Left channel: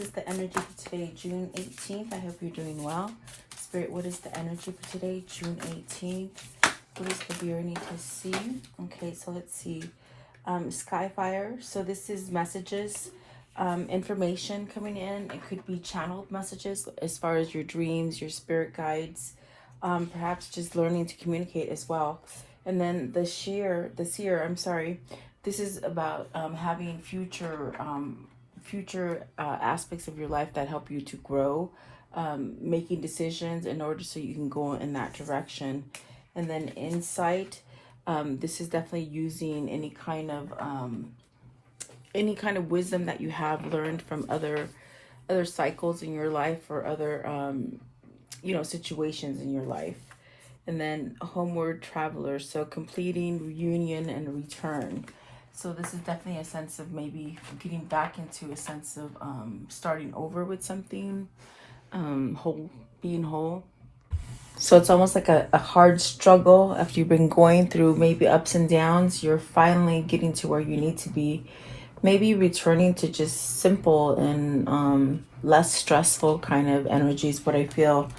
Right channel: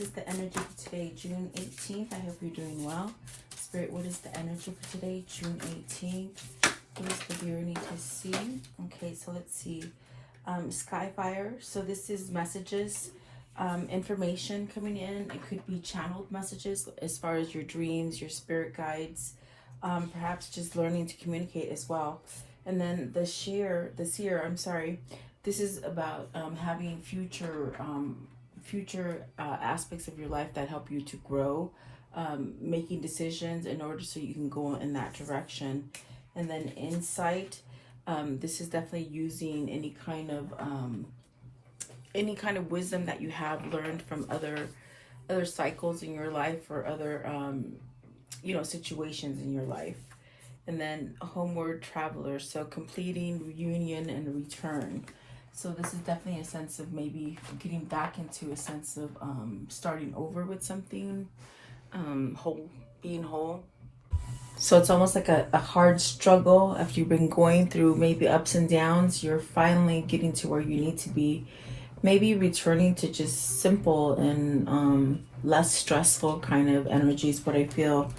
this is the energy for today, June 18th. I hope you're doing well. Spirit, what is the energy for today, June 18th? What is the viewer need to see? Okay, so let's see. Skyfire. So this is messages, information coming in. It could be channeled messages as far as your dreams, your spirit guides, perhaps just learning to communicate as well. And then the seer, this is about having future aspects of your life that help you to grow, making decisions in order so you can go in that direction. And then insight, this is definitely using any kind of wisdom that you have learned from other cycles in your life or other situations in your life. And then homeward traveler, so completing, reunion, and return. So this is definitely a sense of maybe getting back into a sense of starting over with something, being whole. So it's almost like a hard struggle after you've been going through maybe ups and downs. You're finally getting to where you need to be. Maybe returning to just simple and less stressful kind of energies, what I feel.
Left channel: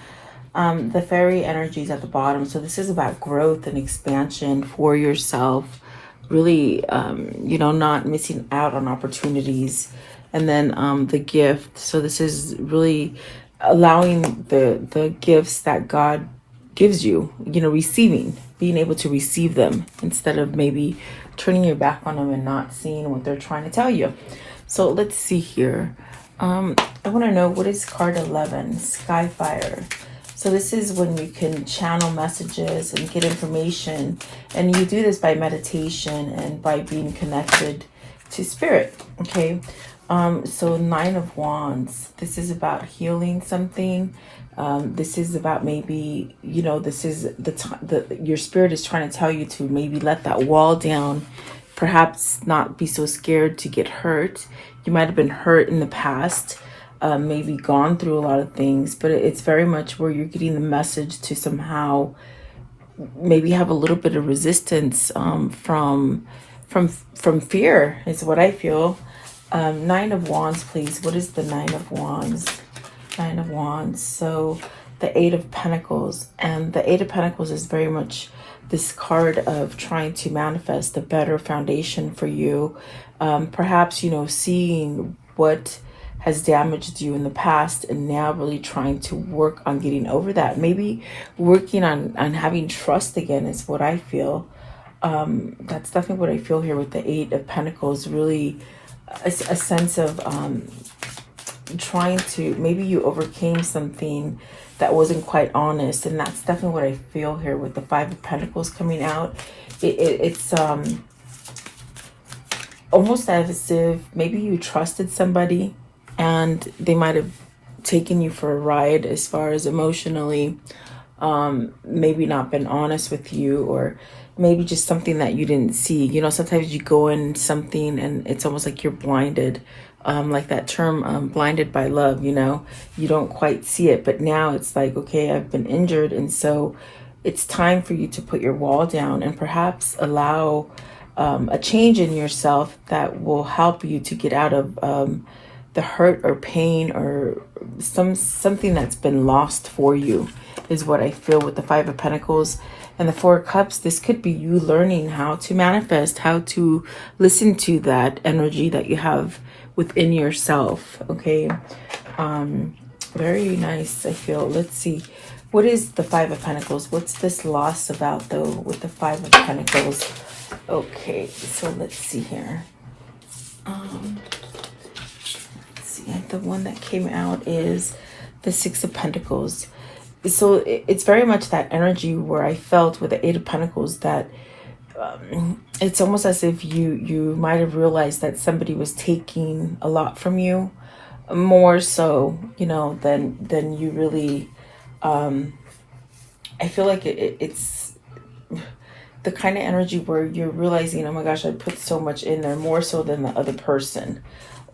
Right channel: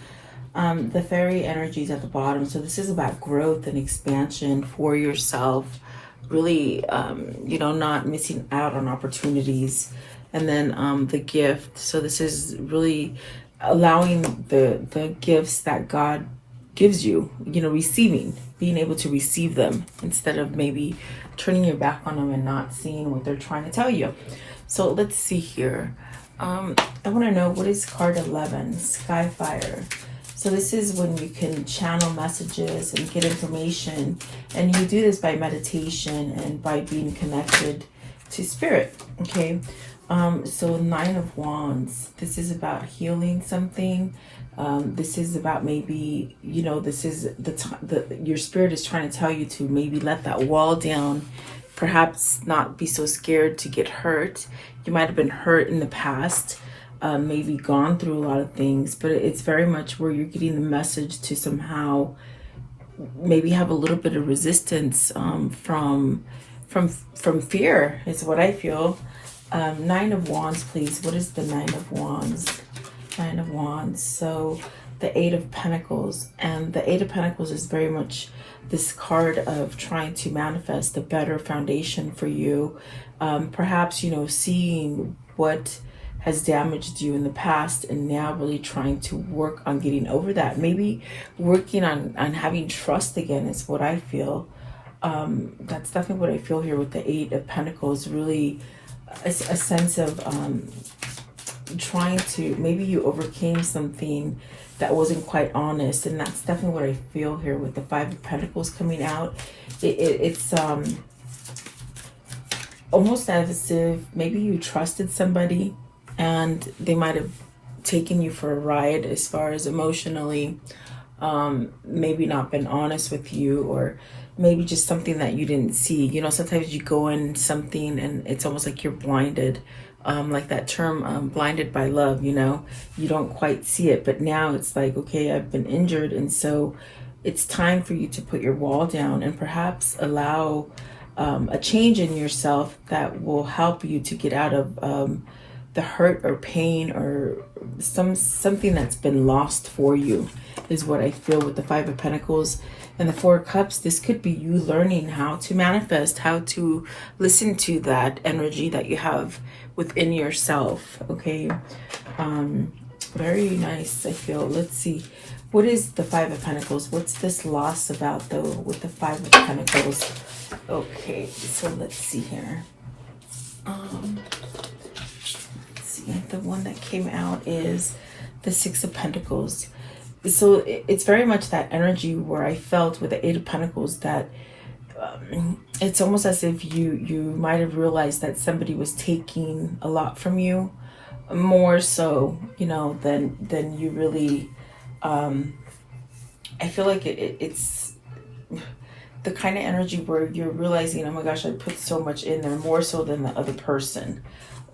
The fairy energy is at the bottom. So this is about growth and expansion for yourself. Really, not missing out on opportunities. And then the gift. So this is really allowing the gifts that God gives you, receiving, being able to receive them instead of maybe turning your back on them and not seeing what they're trying to tell you. So let's see here. I want to know, what is card 11, Skyfire? So this is when you can channel messages and get information. And you do this by meditation and by being connected to spirit. Okay. So 9 of Wands. This is about healing something. This is about maybe, this is your spirit is trying to tell you to maybe let that wall down. Perhaps not be so scared to get hurt. You might have been hurt in the past. Maybe gone through a lot of things, but it's very much where you're getting the message to somehow maybe have a little bit of resistance from fear is what I feel. 9 of Wands, please. What is the 9 of Wands? 9 of Wands. So the 8 of Pentacles, and the 8 of Pentacles is very much this card of trying to manifest a better foundation for you. Perhaps, seeing what has damaged you in the past and now really trying to work on getting over that. Maybe working on having trust again is what I feel. That's definitely what I feel here with the 8 of Pentacles. Really a sense of trying to, maybe you overcame something that wasn't quite honest, and that's definitely what I feel here with the 5 of Pentacles coming out. It's almost as if maybe you trusted somebody and they might have taken you for a ride as far as emotionally, maybe not been honest with you, or maybe just something that you didn't see. Sometimes you go in something and it's almost like you're blinded, like that term, blinded by love, you don't quite see it. But now it's like, okay, I've been injured. And so it's time for you to put your wall down and perhaps allow a change in yourself that will help you to get out of the hurt or pain or something that's been lost for you is what I feel with the 5 of Pentacles. And the 4 of Cups, this could be you learning how to manifest, how to listen to that energy that you have within yourself. Okay. Very nice, I feel. Let's see. What is the 5 of Pentacles? What's this loss about, though, with the 5 of Pentacles? Okay, so let's see here. The one that came out is the 6 of Pentacles. So it's very much that energy where I felt with the 8 of Pentacles that it's almost as if you might have realized that somebody was taking a lot from you, more so, than you really. I feel like it's the kind of energy where you're realizing, oh my gosh, I put so much in there, more so than the other person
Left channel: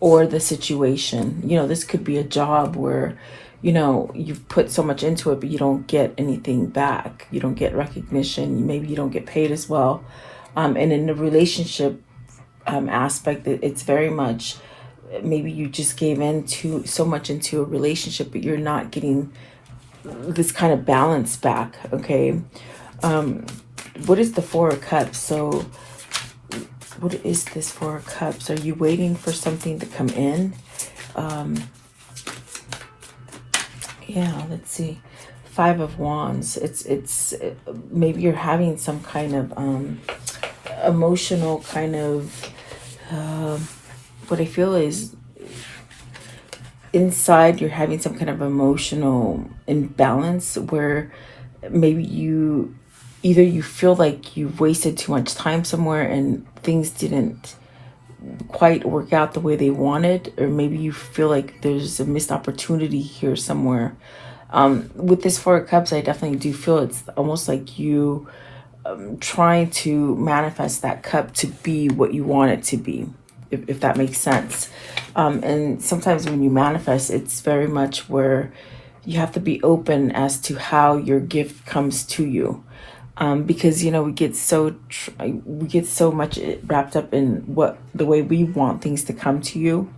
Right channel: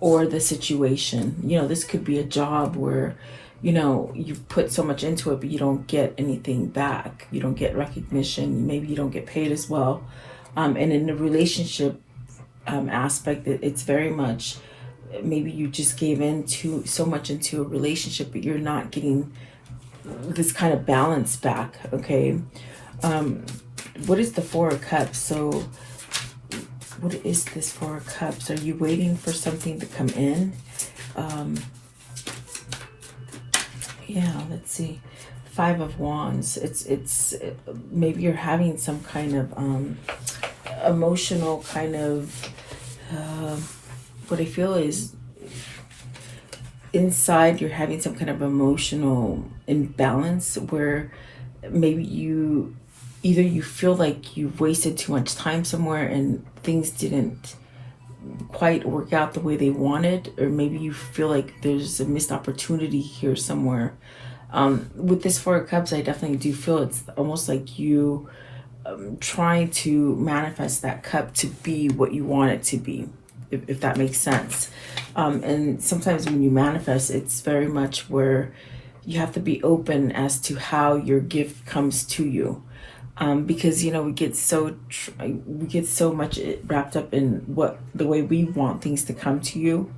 or the situation. This could be a job where, you've put so much into it, but you don't get anything back. You don't get recognition. Maybe you don't get paid as well. And in the relationship aspect, it's very much maybe you just gave in to so much into a relationship, but you're not getting this kind of balance back. Okay. What is the Four of Cups? So what is this Four of Cups? Are you waiting for something to come in? Yeah, let's see. Five of Wands. It's maybe you're having some kind of emotional kind of what I feel is inside you're having some kind of emotional imbalance where maybe either you feel like you've wasted too much time somewhere and things didn't quite work out the way they wanted, or maybe you feel like there's a missed opportunity here somewhere. With this Four of Cups, I definitely do feel it's almost like you trying to manifest that cup to be what you want it to be, if that makes sense. And sometimes when you manifest, it's very much where you have to be open as to how your gift comes to you. Because we get so much wrapped up in the way we want things to come to you.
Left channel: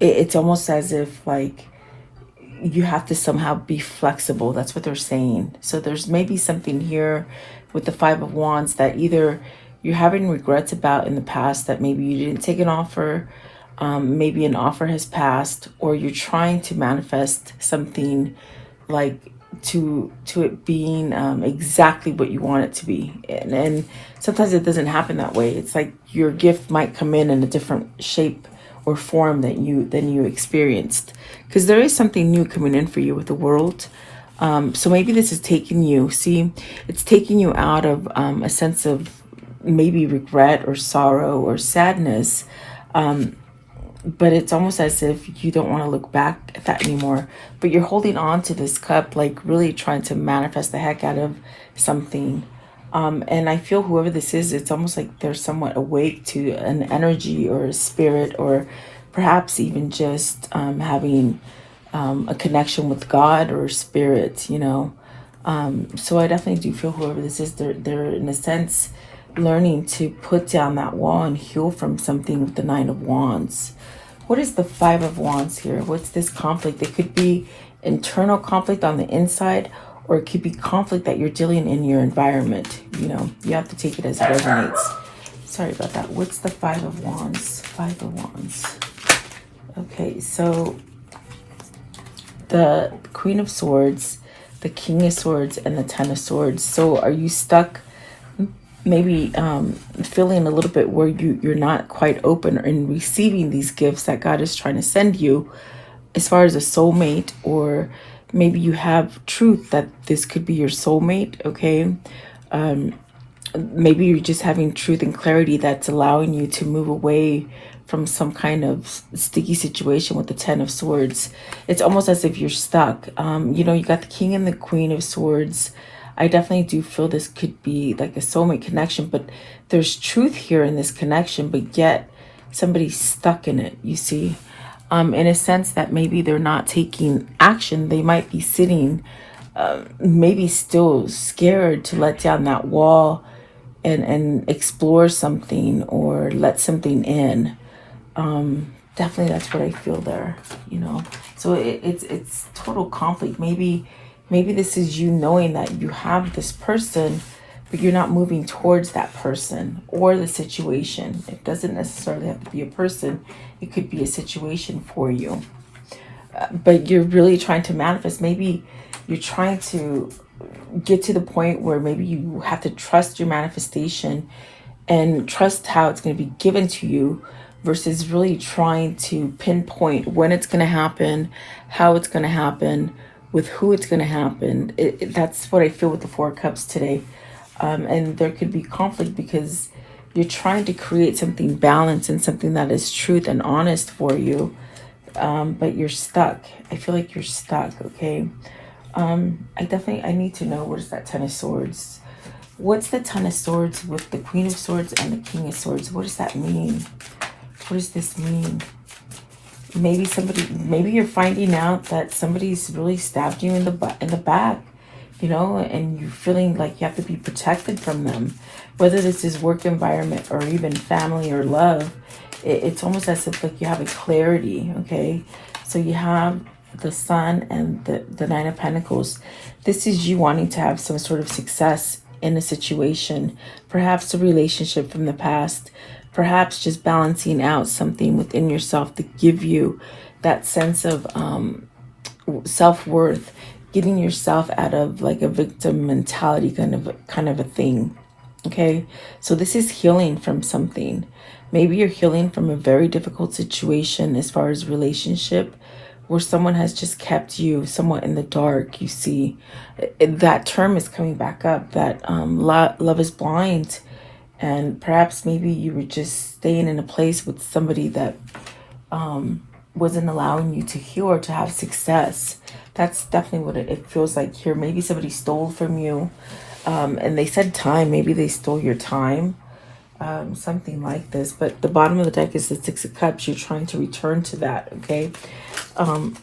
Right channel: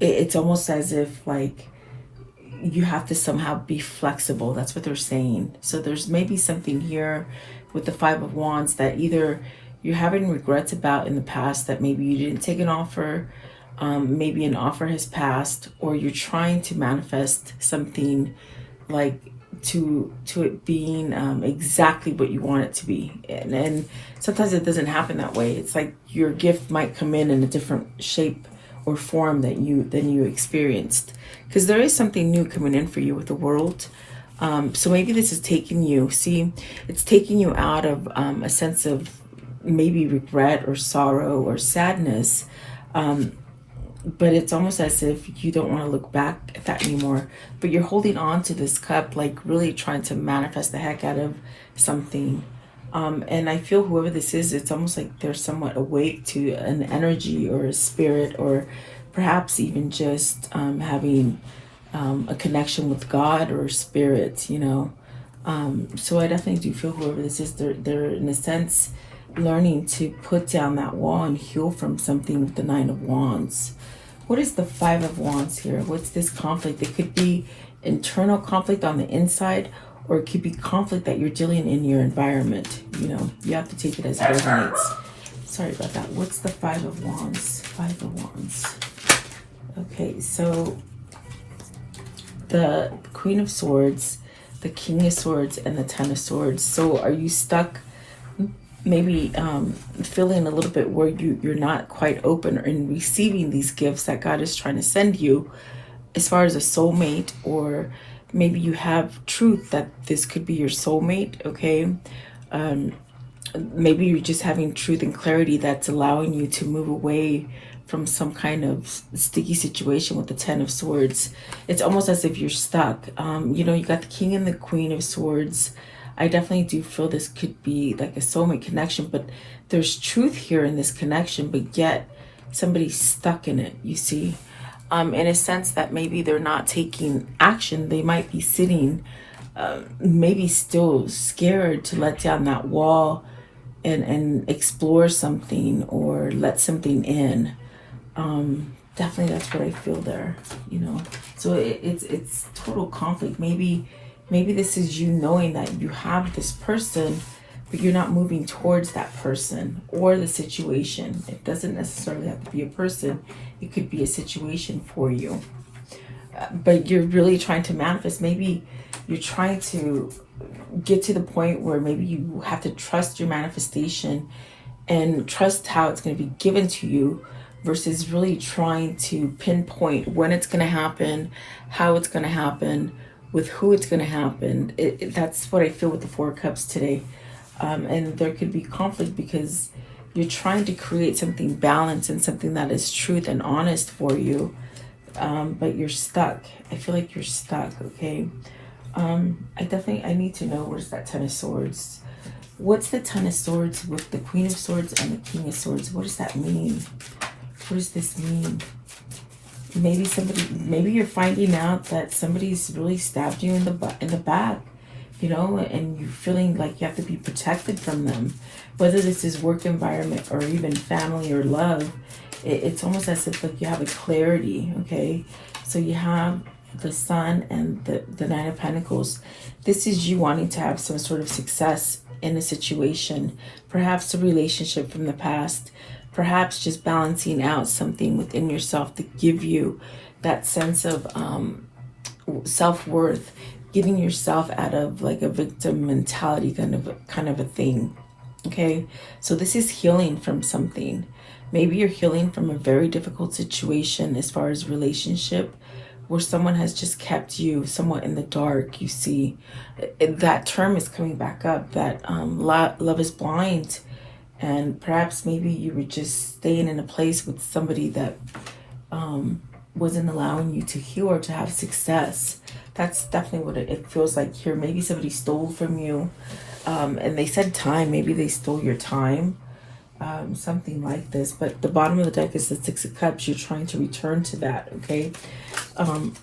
It's almost as if like you have to somehow be flexible. That's what they're saying. So there's maybe something here with the Five of Wands that either you're having regrets about in the past, that maybe you didn't take an offer, maybe an offer has passed, or you're trying to manifest something like to it being exactly what you want it to be. And sometimes it doesn't happen that way. It's like your gift might come in a different shape or form than you experienced, because there is something new coming in for you with the World. So maybe this is taking you, it's taking you out of a sense of maybe regret or sorrow or sadness, but it's almost as if you don't want to look back at that anymore, but you're holding on to this cup, like really trying to manifest the heck out of something. And I feel whoever this is, it's almost like they're somewhat awake to an energy or a spirit, or perhaps even just having a connection with God or spirit, so I definitely do feel whoever this is, they're in a sense learning to put down that wall and heal from something with the Nine of Wands. What is the Five of Wands here? What's this conflict? It could be internal conflict on the inside, or it could be conflict that you're dealing in your environment. You have to take it as it resonates. Sorry about that. What's the Five of Wands? Five of Wands. Okay, so the Queen of Swords, the King of Swords, and the Ten of Swords. So are you stuck maybe feeling a little bit where you're not quite open in receiving these gifts that God is trying to send you, as far as a soulmate, or maybe you have truth that this could be your soulmate, okay? Maybe you're just having truth and clarity that's allowing you to move away from some kind of sticky situation with the Ten of Swords. It's almost as if you're stuck. You got the King and the Queen of Swords. I definitely do feel this could be like a soulmate connection, but there's truth here in this connection, but yet somebody's stuck in it, you see? In a sense that maybe they're not taking action. They might be sitting, maybe still scared to let down that wall and explore something or let something in. Definitely that's what I feel there, So it's total conflict. Maybe this is you knowing that you have this person, but you're not moving towards that person or the situation. It doesn't necessarily have to be a person. It could be a situation for you. But you're really trying to manifest. Maybe you're trying to get to the point where maybe you have to trust your manifestation and trust how it's going to be given to you, versus really trying to pinpoint when it's going to happen, how it's going to happen, with who it's going to happen. That's what I feel with the Four Cups today. And there could be conflict because you're trying to create something balanced and something that is truth and honest for you. But you're stuck. I feel like you're stuck, okay? I need to know, what is that Ten of Swords? What's the Ten of Swords with the Queen of Swords and the King of Swords? What does that mean? What does this mean? Maybe you're finding out that somebody's really stabbed you in the back, and you're feeling like you have to be protected from them. Whether this is work environment or even family or love, It's almost as if like you have a clarity, okay? So you have the Sun and the Nine of Pentacles. This is you wanting to have some sort of success in a situation, perhaps a relationship from the past, perhaps just balancing out something within yourself to give you that sense of self-worth, getting yourself out of like a victim mentality kind of a thing. Okay, so this is healing from something. Maybe you're healing from a very difficult situation as far as relationship, where someone has just kept you somewhat in the dark. You see, that term is coming back up, that love is blind. And perhaps maybe you were just staying in a place with somebody that wasn't allowing you to heal or to have success. That's definitely what it feels like here. Maybe somebody stole from you. And they said time, maybe they stole your time, something like this. But the bottom of the deck is the Six of Cups. You're trying to return to that, okay?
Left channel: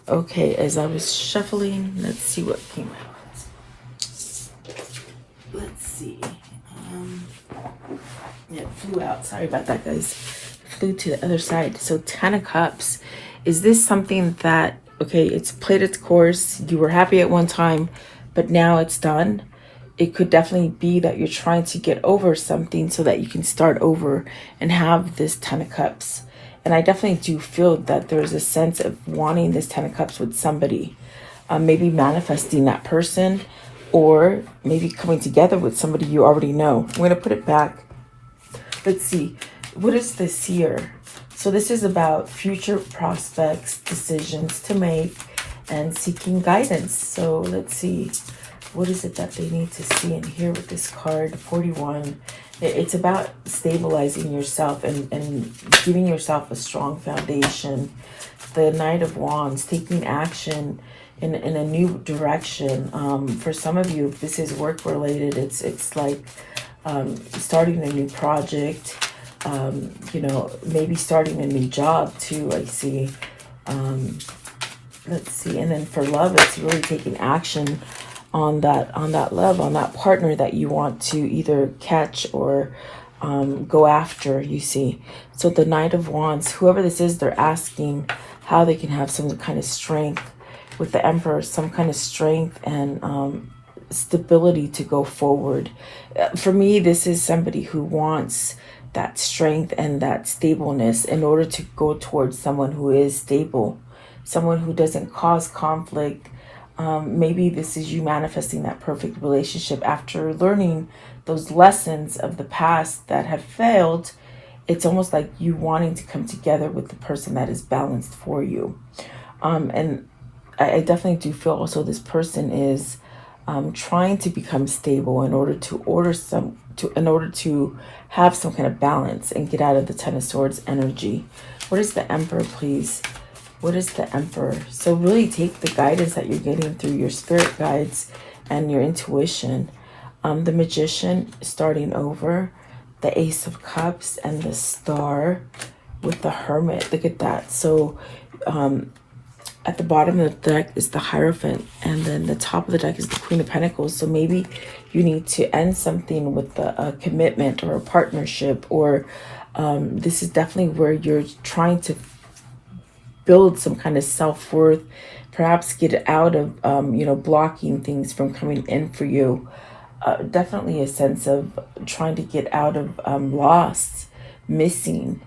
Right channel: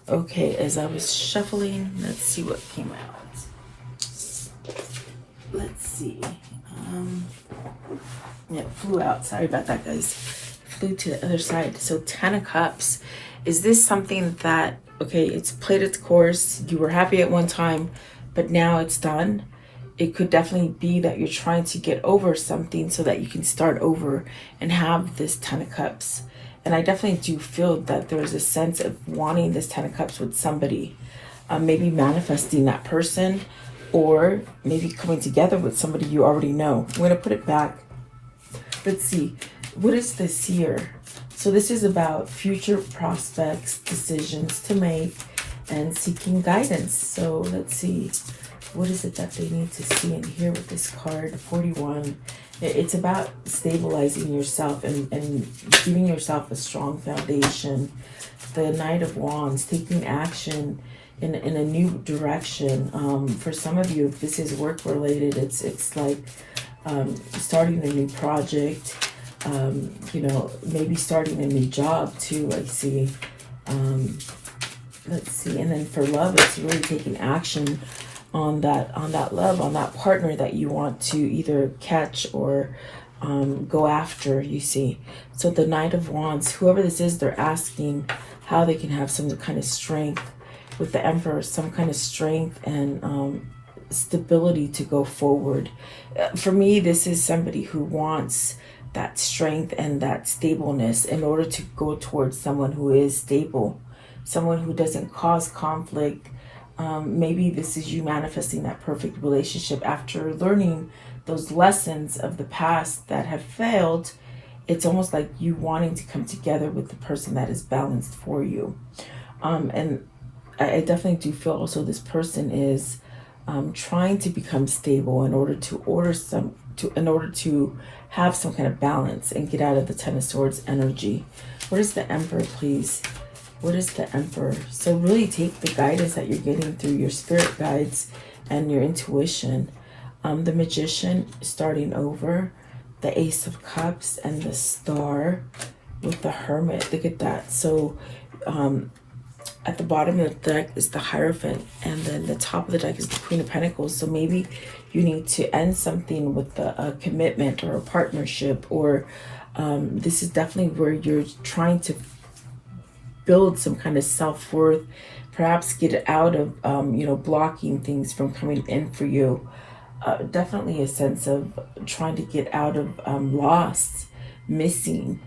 Okay, as I was shuffling, let's see what came out. Let's see. Yeah, it flew out. Sorry about that, guys. Flew to the other side. So 10 of Cups. Is this something that, okay, it's played its course. You were happy at one time, but now it's done. It could definitely be that you're trying to get over something so that you can start over and have this 10 of Cups. And I definitely do feel that there's a sense of wanting this 10 of Cups with somebody. Maybe manifesting that person, or maybe coming together with somebody you already know. I'm going to put it back. Let's see. What is this here? So this is about future prospects, decisions to make, and seeking guidance. So let's see. What is it that they need to see in here with this card? 41. It's about stabilizing yourself and giving yourself a strong foundation. The Knight of Wands, taking action in a new direction. For some of you, if this is work related, it's like starting a new project, you know, maybe starting a new job too, I see. Let's see. And then for love, it's really taking action on that love, on that partner that you want to either catch or go after, you see. So the Knight of Wands, whoever this is, they're asking how they can have some kind of strength with the Emperor, some kind of strength and stability to go forward. For me, this is somebody who wants that strength and that stableness in order to go towards someone who is stable, someone who doesn't cause conflict. Maybe this is you manifesting that perfect relationship after learning those lessons of the past that have failed. It's almost like you wanting to come together with the person that is balanced for you. And I definitely do feel also this person is trying to become stable in order to have some kind of balance and get out of the Ten of Swords energy. What is the Emperor, please? What is the Emperor? So really take the guidance that you're getting through your spirit guides and your intuition. The Magician, starting over, the Ace of Cups, and the Star with the Hermit. Look at that. So at the bottom of the deck is the Hierophant, and then the top of the deck is the Queen of Pentacles. So maybe you need to end something with a commitment or a partnership, or this is definitely where you're trying to build some kind of self-worth, perhaps get out of, you know, blocking things from coming in for you. Definitely a sense of trying to get out of loss, missing.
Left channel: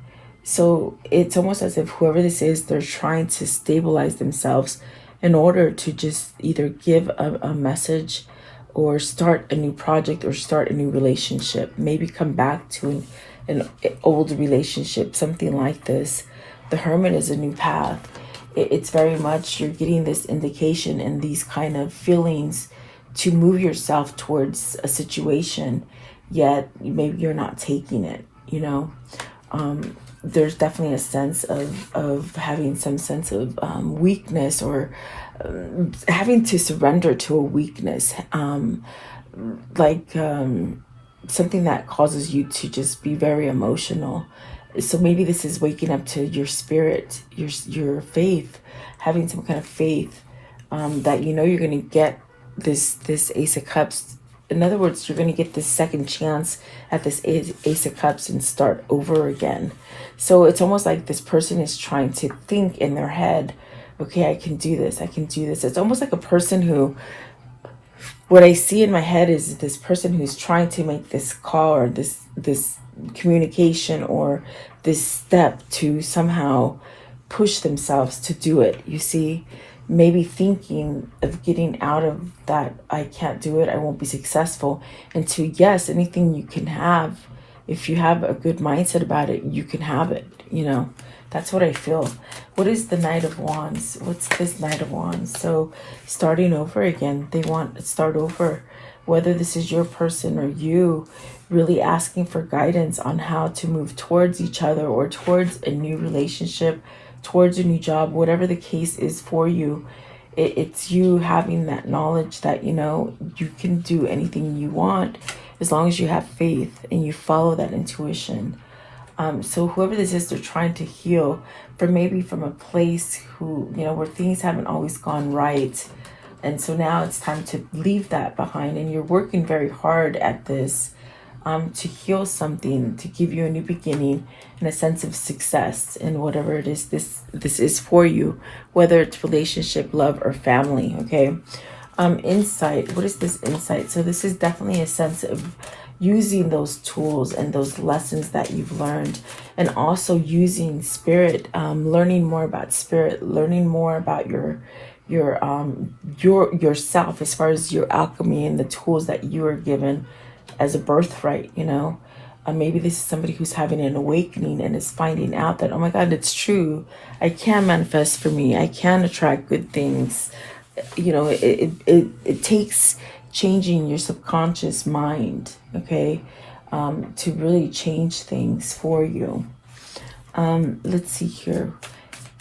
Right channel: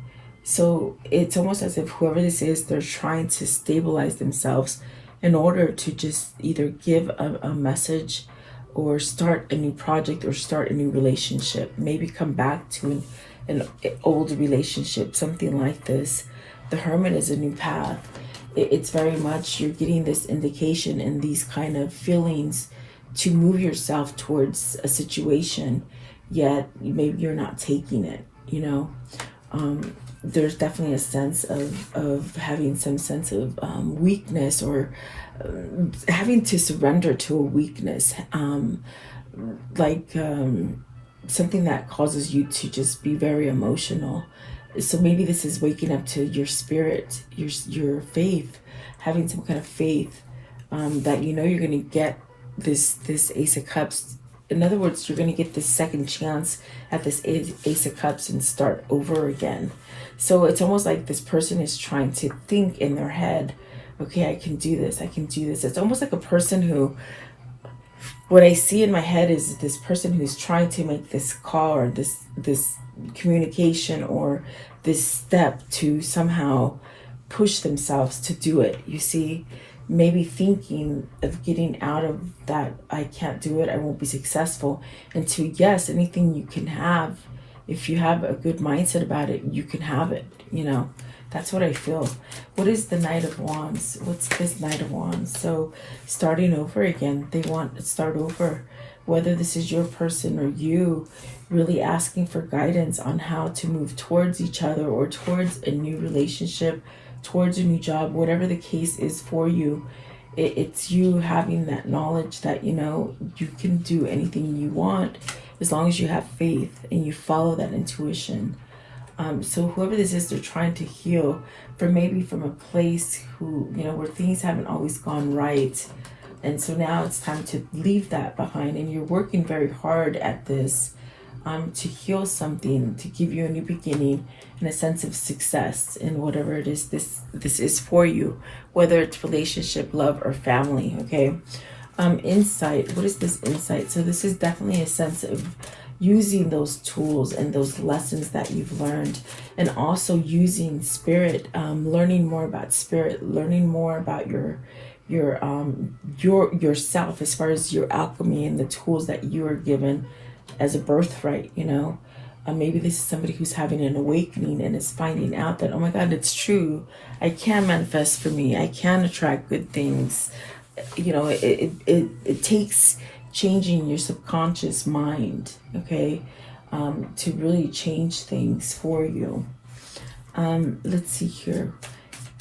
So it's almost as if whoever this is, they're trying to stabilize themselves in order to just either give a message or start a new project or start a new relationship. Maybe come back to an old relationship, something like this. The Hermit is a new path. It's very much, you're getting this indication and these kind of feelings to move yourself towards a situation, yet maybe you're not taking it, you know. There's definitely a sense of having some sense of weakness, or having to surrender to a weakness, something that causes you to just be very emotional. So maybe this is waking up to your spirit, your faith, having some kind of faith that you know you're going to get this Ace of Cups. In other words, you're going to get this second chance at this Ace of Cups and start over again. So it's almost like this person is trying to think in their head, okay, I can do this, I can do this. It's almost like a person who, what I see in my head is this person who's trying to make this call or this communication or this step to somehow push themselves to do it. You see, maybe thinking of getting out of that, I can't do it, I won't be successful, into yes, anything you can have. If you have a good mindset about it, you can have it, you know. That's what I feel. What is the Knight of Wands? What's this Knight of Wands? So starting over again. They want to start over. Whether this is your person or you, really asking for guidance on how to move towards each other or towards a new relationship, towards a new job, whatever the case is for you. It's you having that knowledge that, you know, you can do anything you want as long as you have faith and you follow that intuition. So whoever this is, they're trying to heal from maybe from a place who, you know, where things haven't always gone right. And so now it's time to leave that behind. And you're working very hard at this to heal something, to give you a new beginning and a sense of success in whatever it is this is for you, whether it's relationship, love, or family, okay? Insight. What is this insight? So this is definitely a sense of using those tools and those lessons that you've learned, and also using spirit, learning more about spirit, learning more about yourself as far as your alchemy and the tools that you are given as a birthright, you know. Maybe this is somebody who's having an awakening and is finding out that, oh my God, it's true. I can manifest for me. I can attract good things. You know, it takes changing your subconscious mind, okay, to really change things for you. Let's see here.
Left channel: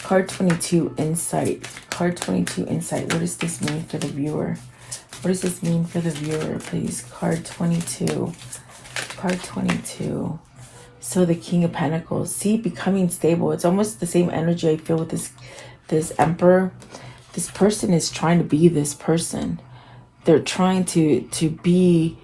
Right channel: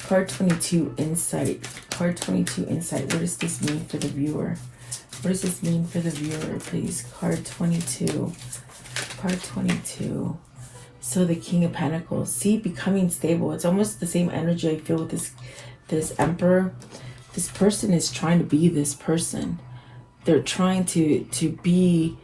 Card 22, Insight. Card 22, Insight. What does this mean for the viewer? What does this mean for the viewer, please? Card 22. Card 22. So the King of Pentacles. See, becoming stable. It's almost the same energy I feel with this Emperor. This person is trying to be this person. They're trying to be,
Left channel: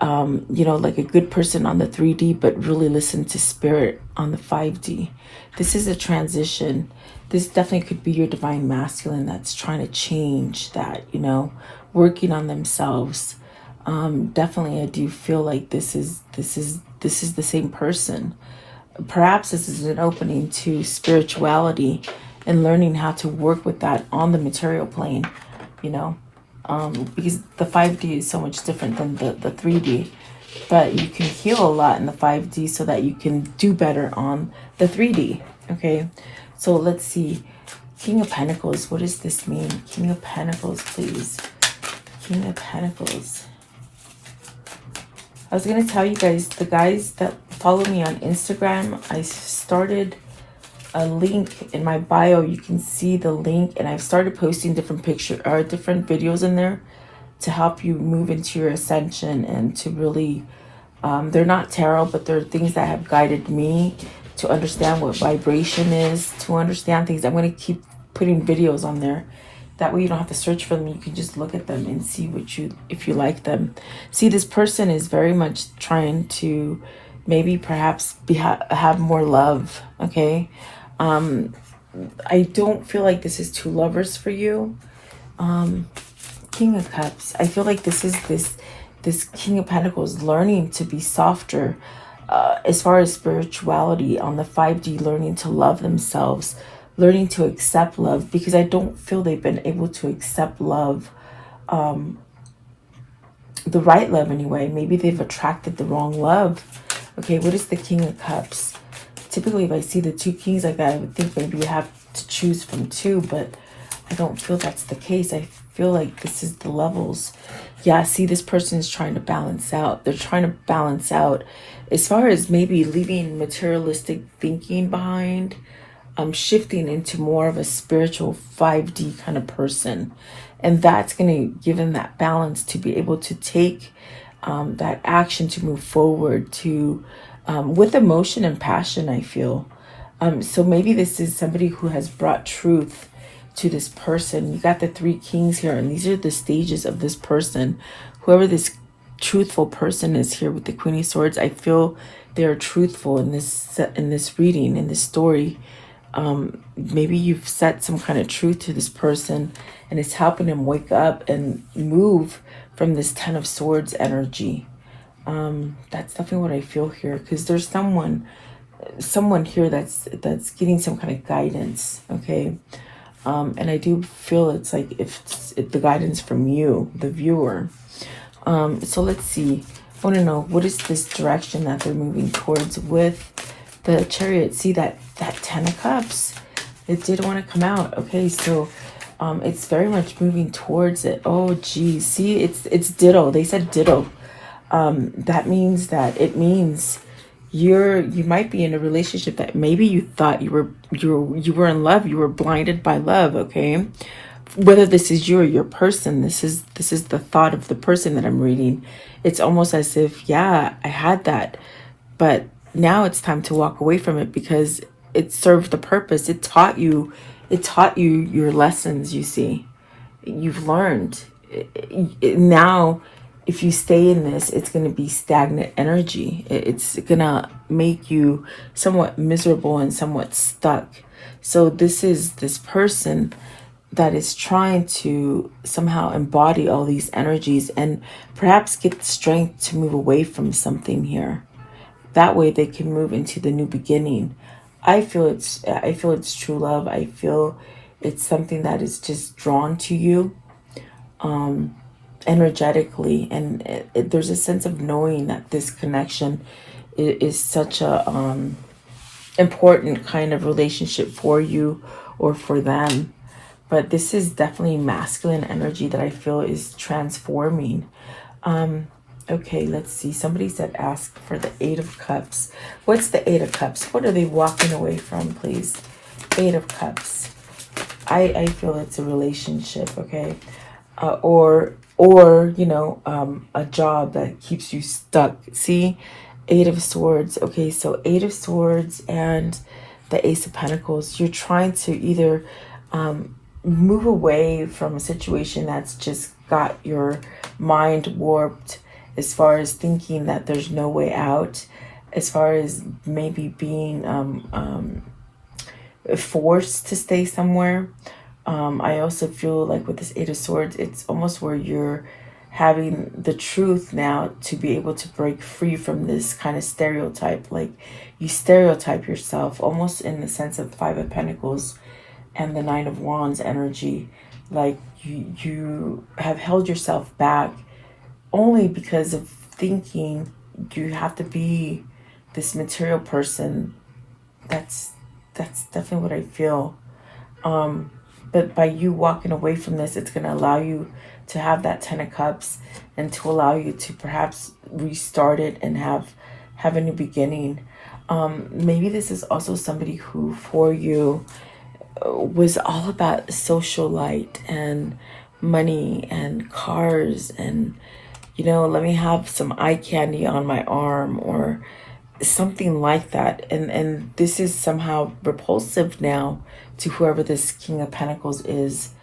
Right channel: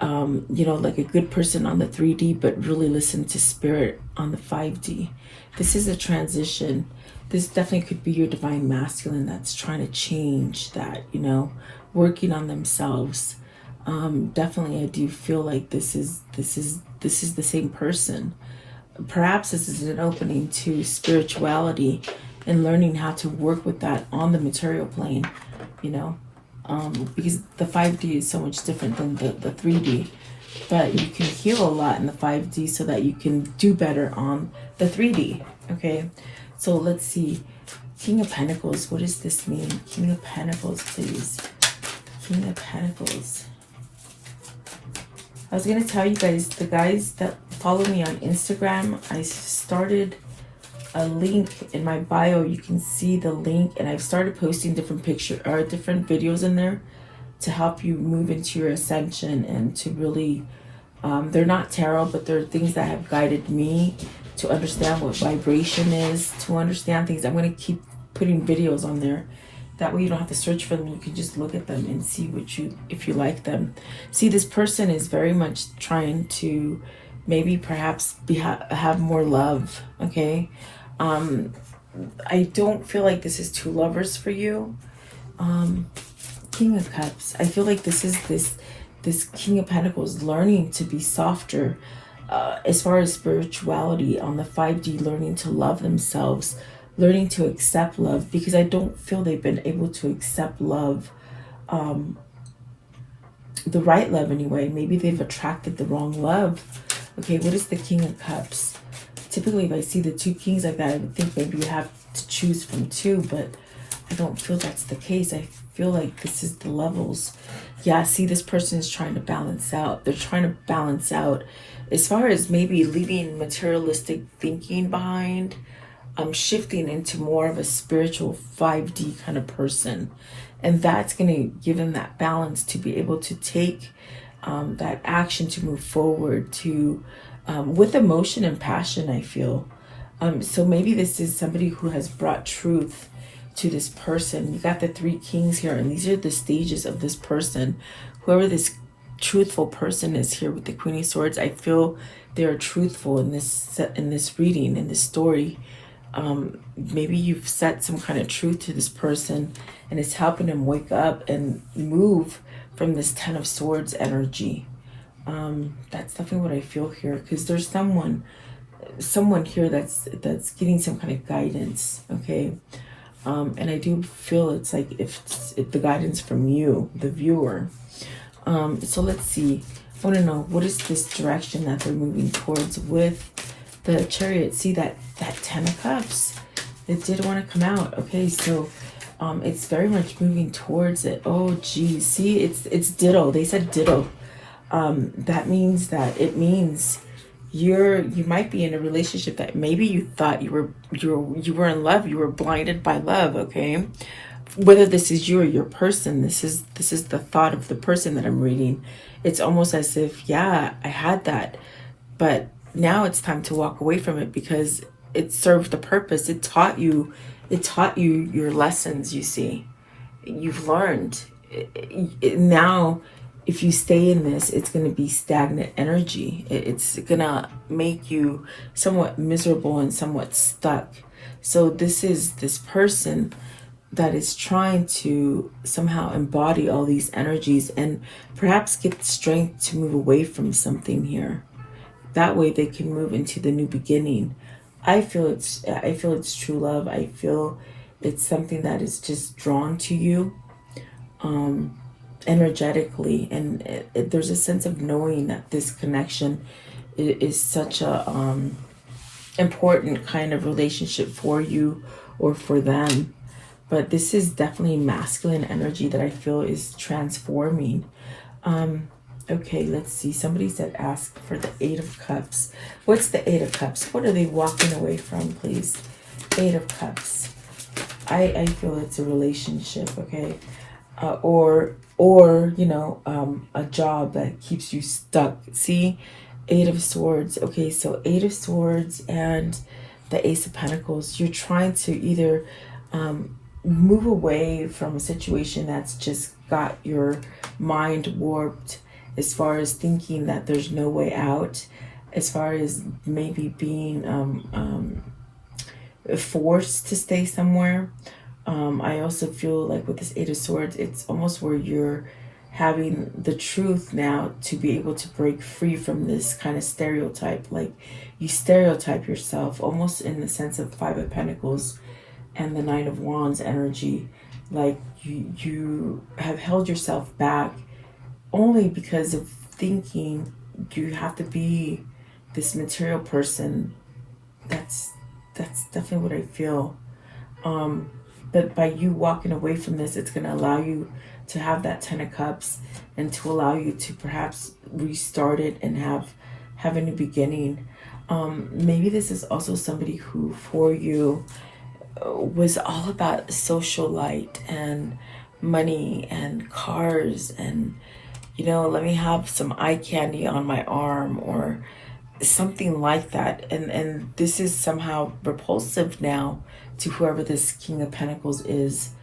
you know, like a good person on the 3D, but really listen to spirit on the 5D. This is a transition. This definitely could be your divine masculine that's trying to change that, you know, working on themselves. Definitely, I do feel like this is the same person. Perhaps this is an opening to spirituality and learning how to work with that on the material plane, you know. Because the 5D is so much different than the 3D, but you can heal a lot in the 5D so that you can do better on the 3D, okay? So let's see. King of Pentacles, what does this mean? King of Pentacles, please. King of Pentacles. I was going to tell you guys, the guys that follow me on Instagram, I started a link in my bio. You can see the link, and I've started posting different different videos in there to help you move into your ascension and to really they're not tarot, but they're things that have guided me to understand what vibration is, to understand things. I'm going to keep putting videos on there. That way you don't have to search for them. You can just look at them and see if you like them. See, this person is very much trying to maybe perhaps have more love, okay? I don't feel like this is two lovers for you. King of Cups. I feel like this is this King of Pentacles learning to be softer as far as spirituality on the 5D, learning to love themselves, learning to accept love, because I don't feel they've been able to accept love, the right love anyway. Maybe they've attracted the wrong love. Okay, what is the King of Cups? Typically, if I see the two kings like that, I would think maybe you have to choose from two, but I don't feel that's the case. I feel like this is the levels. Yeah, see, this person is trying to balance out. They're trying to balance out as far as maybe leaving materialistic thinking behind, shifting into more of a spiritual 5D kind of person. And that's going to give them that balance to be able to take that action to move forward to with emotion and passion, I feel. So maybe this is somebody who has brought truth to this person. You got the 3 kings here, and these are the stages of this person. Whoever this truthful person is here with the Queen of Swords, I feel they're truthful in this reading, in this story. Maybe you've said some kind of truth to this person, and it's helping them wake up and move from this Ten of Swords energy. That's definitely what I feel here, because there's someone here that's getting some kind of guidance. Okay. And I do feel it's like if the guidance from you, the viewer. So let's see. I want to know, what is this direction that they're moving towards with the Chariot? See that 10 of Cups? It did want to come out. Okay, so it's very much moving towards it. Oh, geez. See, it's ditto. They said ditto. That means that you might be in a relationship that maybe you thought you were in love, you were blinded by love. Okay, whether this is you or your person, this is the thought of the person that I'm reading. It's almost as if, yeah, I had that, but now it's time to walk away from it because it served a purpose. It taught you your lessons. You see, you've learned. Now if you stay in this, it's going to be stagnant energy. It's going to make you somewhat miserable and somewhat stuck. So this is this person that is trying to somehow embody all these energies and perhaps get the strength to move away from something here. That way they can move into the new beginning. I feel it's true love. I feel it's something that is just drawn to you energetically, and there's a sense of knowing that this connection is such a important kind of relationship for you or for them. But this is definitely masculine energy that I feel is transforming. Okay, let's see. Somebody said ask for the 8 of Cups. What's the 8 of Cups? What are they walking away from, please? 8 of Cups. I feel it's a relationship, okay? Or you know, a job that keeps you stuck. See? 8 of Swords. Okay, so 8 of Swords and the Ace of Pentacles. You're trying to either move away from a situation that's just got your mind warped as far as thinking that there's no way out, as far as maybe being forced to stay somewhere. I also feel like with this 8 of Swords, it's almost where you're having the truth now to be able to break free from this kind of stereotype. Like you stereotype yourself almost in the sense of 5 of Pentacles and the 9 of Wands energy. Like you have held yourself back only because of thinking you have to be this material person. That's definitely what I feel. But by you walking away from this, it's going to allow you to have that 10 of Cups and to allow you to perhaps restart it and have a new beginning. Maybe this is also somebody who for you was all about socialite and money and cars and, you know, let me have some eye candy on my arm or something like that. And this is somehow repulsive now to whoever this King of Pentacles is,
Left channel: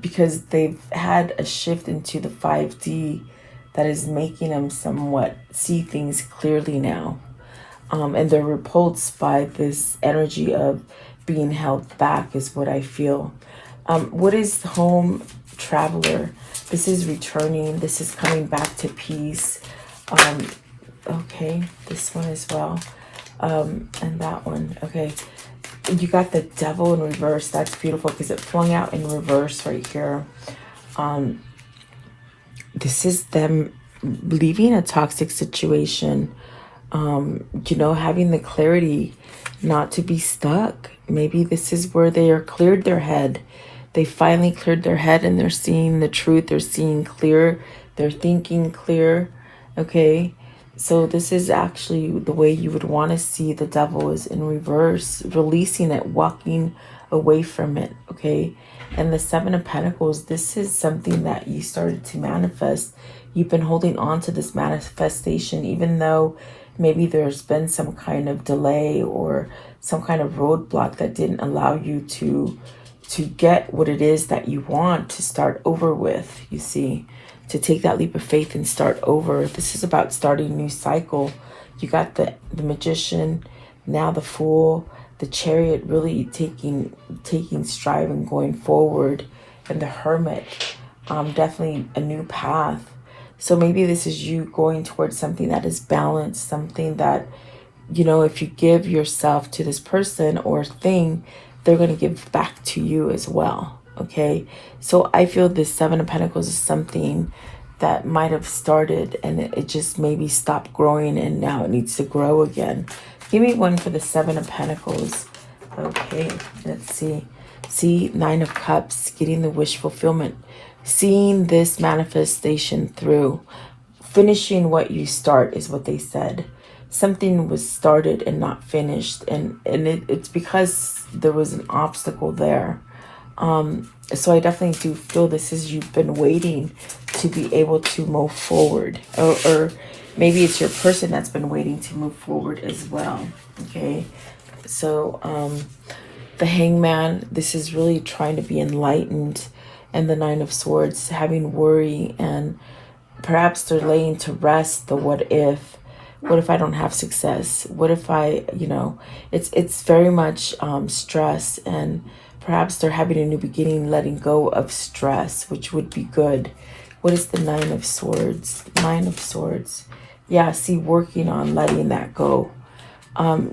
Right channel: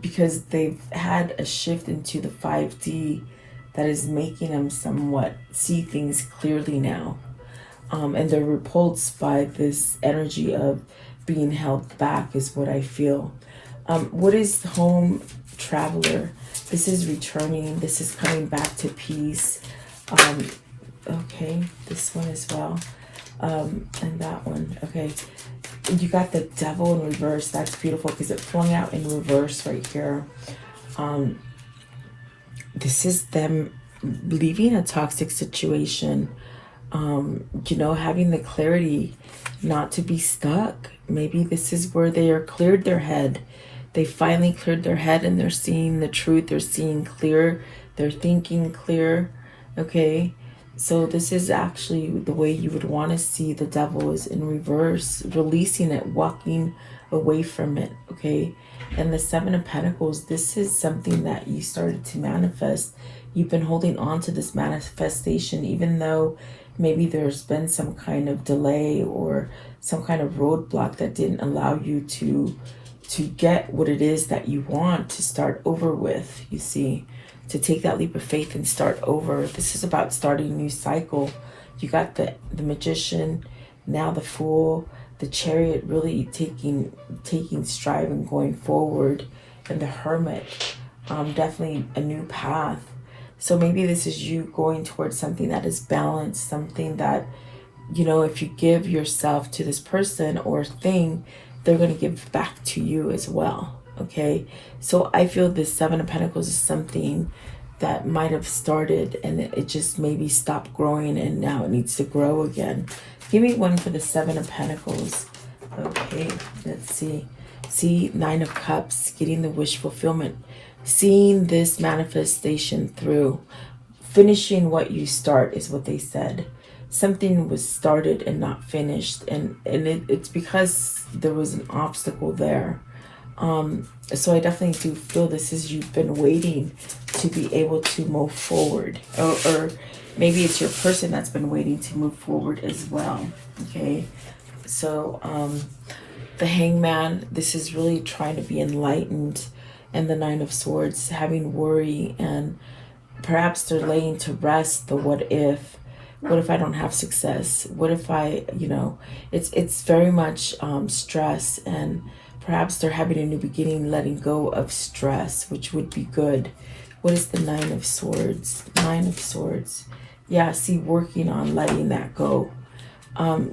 because they've had a shift into the 5D that is making them somewhat see things clearly now. And they're repulsed by this energy of being held back is what I feel. What is home traveler? This is returning. This is coming back to peace. Okay, this one as well. And that one. Okay. You got the Devil in reverse. That's beautiful because it flung out in reverse right here. This is them leaving a toxic situation. You know, having the clarity not to be stuck. Maybe this is where they are cleared their head. They finally cleared their head and they're seeing the truth. They're seeing clear. They're thinking clear. Okay. So this is actually the way you would want to see the Devil is in reverse, releasing it, walking away from it. Okay. And the 7 of Pentacles, this is something that you started to manifest. You've been holding on to this manifestation, even though maybe there's been some kind of delay or some kind of roadblock that didn't allow you to get what it is that you want to start over with, you see, to take that leap of faith and start over. This is about starting a new cycle, You got the Magician, now the Fool, the Chariot really taking stride and going forward, and the Hermit, definitely a new path. So maybe this is you going towards something that is balanced, something that, you know, if you give yourself to this person or thing, they're going to give back to you as well. Okay, so I feel this Seven of Pentacles is something that might have started and it just maybe stopped growing, and now it needs to grow again. Give me one for the Seven of Pentacles. Okay, let's see. See, Nine of Cups, getting the wish fulfillment, seeing this manifestation through, finishing what you start is what they said. Something was started and not finished, and it's because there was an obstacle there. So I definitely do feel this is you've been waiting to be able to move forward, or maybe it's your person that's been waiting to move forward as well. Okay, so the Hangman, this is really trying to be enlightened, and the Nine of Swords, having worry, and perhaps they're laying to rest the what if. What if I don't have success? What if I, you know, it's very much stress, and perhaps they're having a new beginning, letting go of stress, which would be good. What is the Nine of Swords? Nine of Swords. Yeah, see, working on letting that go.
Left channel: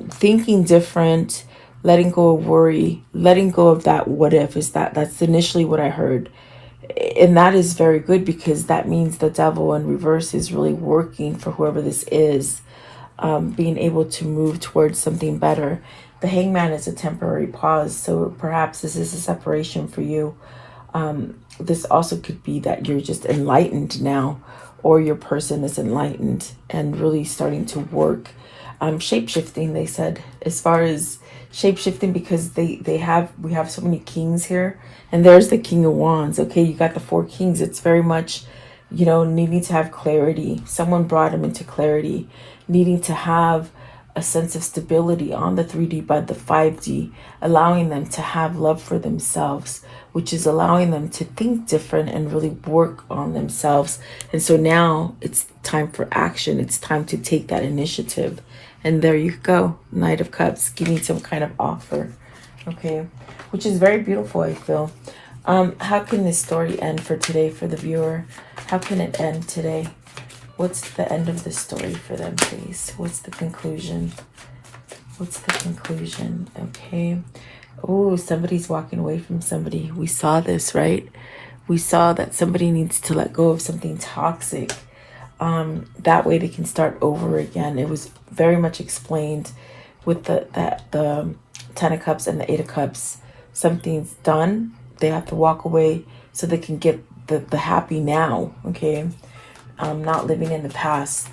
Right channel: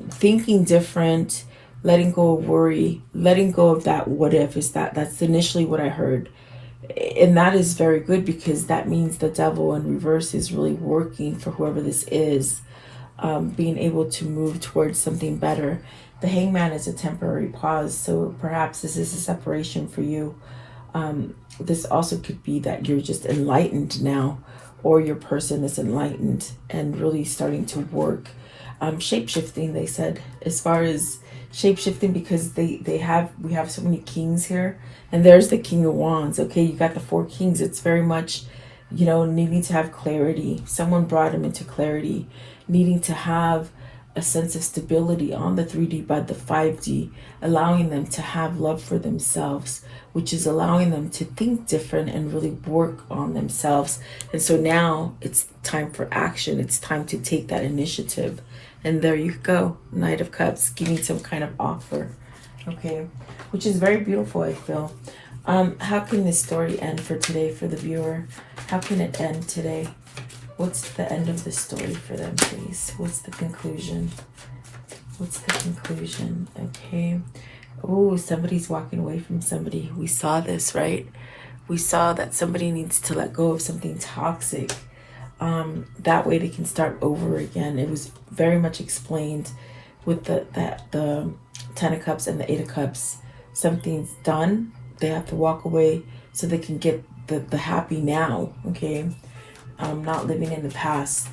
Thinking different, letting go of worry, letting go of that what if. That's initially what I heard. And that is very good, because that means the devil in reverse is really working for whoever this is, being able to move towards something better. The Hangman is a temporary pause, so perhaps this is a separation for you. This also could be that you're just enlightened now, or your person is enlightened and really starting to work. Shape-shifting, they said, as far as shape-shifting, because we have so many kings here, and there's the King of Wands. Okay, you got the Four Kings. It's very much, you know, needing to have clarity. Someone brought him into clarity, needing to have a sense of stability on the 3D, but the 5D, allowing them to have love for themselves, which is allowing them to think different and really work on themselves. And so now it's time for action. It's time to take that initiative. And there you go, Knight of Cups, giving some kind of offer. Okay, which is very beautiful, I feel. How can this story end for today for the viewer? How can it end today? What's the end of the story for them, please? What's the conclusion? What's the conclusion? Okay. Oh, somebody's walking away from somebody. We saw this, right? We saw that somebody needs to let go of something toxic. That way they can start over again. It was very much explained with the Ten of Cups and the Eight of Cups. Something's done. They have to walk away so they can get the happy now. Okay. Not living in the past.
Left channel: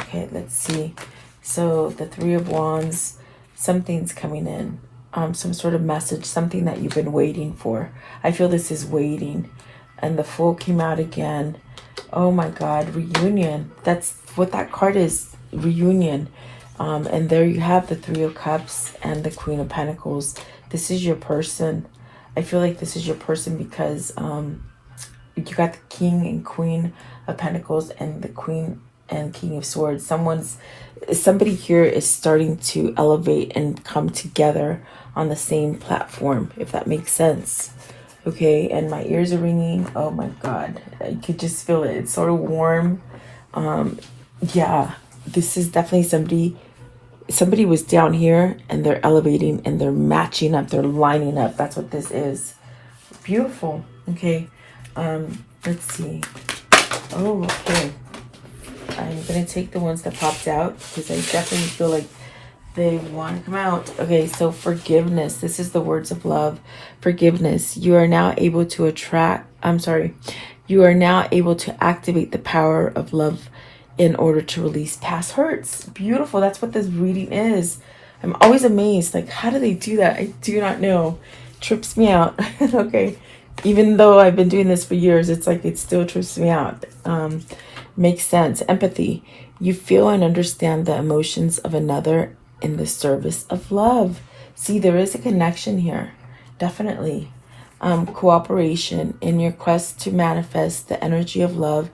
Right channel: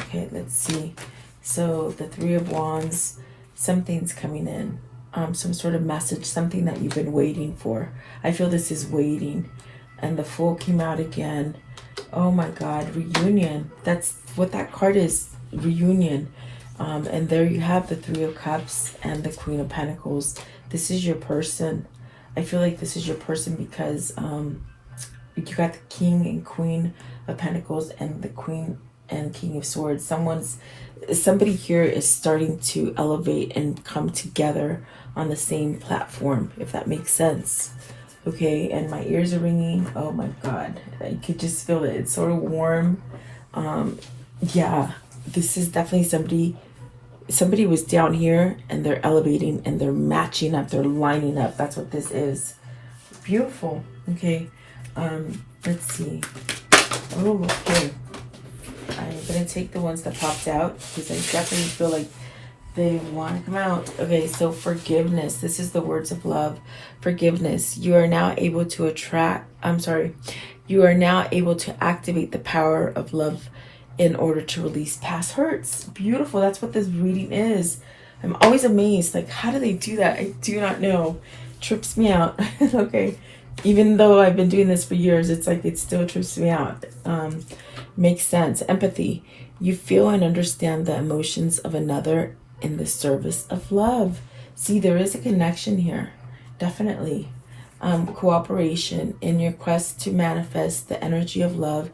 Okay, let's see. So the Three of Wands, something's coming in. Some sort of message, something that you've been waiting for. I feel this is waiting. And the Fool came out again. Oh my God, reunion. That's what that card is, reunion. And there you have the Three of Cups and the Queen of Pentacles. This is your person. I feel like this is your person because you got the King and Queen of Pentacles and the Queen and King of Swords. Somebody here is starting to elevate and come together on the same platform, if that makes sense. Okay, and my ears are ringing. Oh my God, I could just feel it. It's sort of warm. Yeah, this is definitely somebody was down here and they're elevating and they're matching up, they're lining up. That's what this is. Beautiful. Okay, let's see. Oh, okay. I'm gonna take the ones that popped out because I definitely feel like they want to come out. Okay, so forgiveness. This is the words of love. Forgiveness. You are now able to you are now able to activate the power of love in order to release past hurts. Beautiful. That's what this reading is. I'm always amazed. Like, how do they do that? I do not know. Trips me out. Okay. Even though I've been doing this for years, it's like it still trips me out. Makes sense. Empathy. You feel and understand the emotions of another in the service of love. See, there is a connection here. Definitely. Cooperation. In your quest to manifest the energy of love,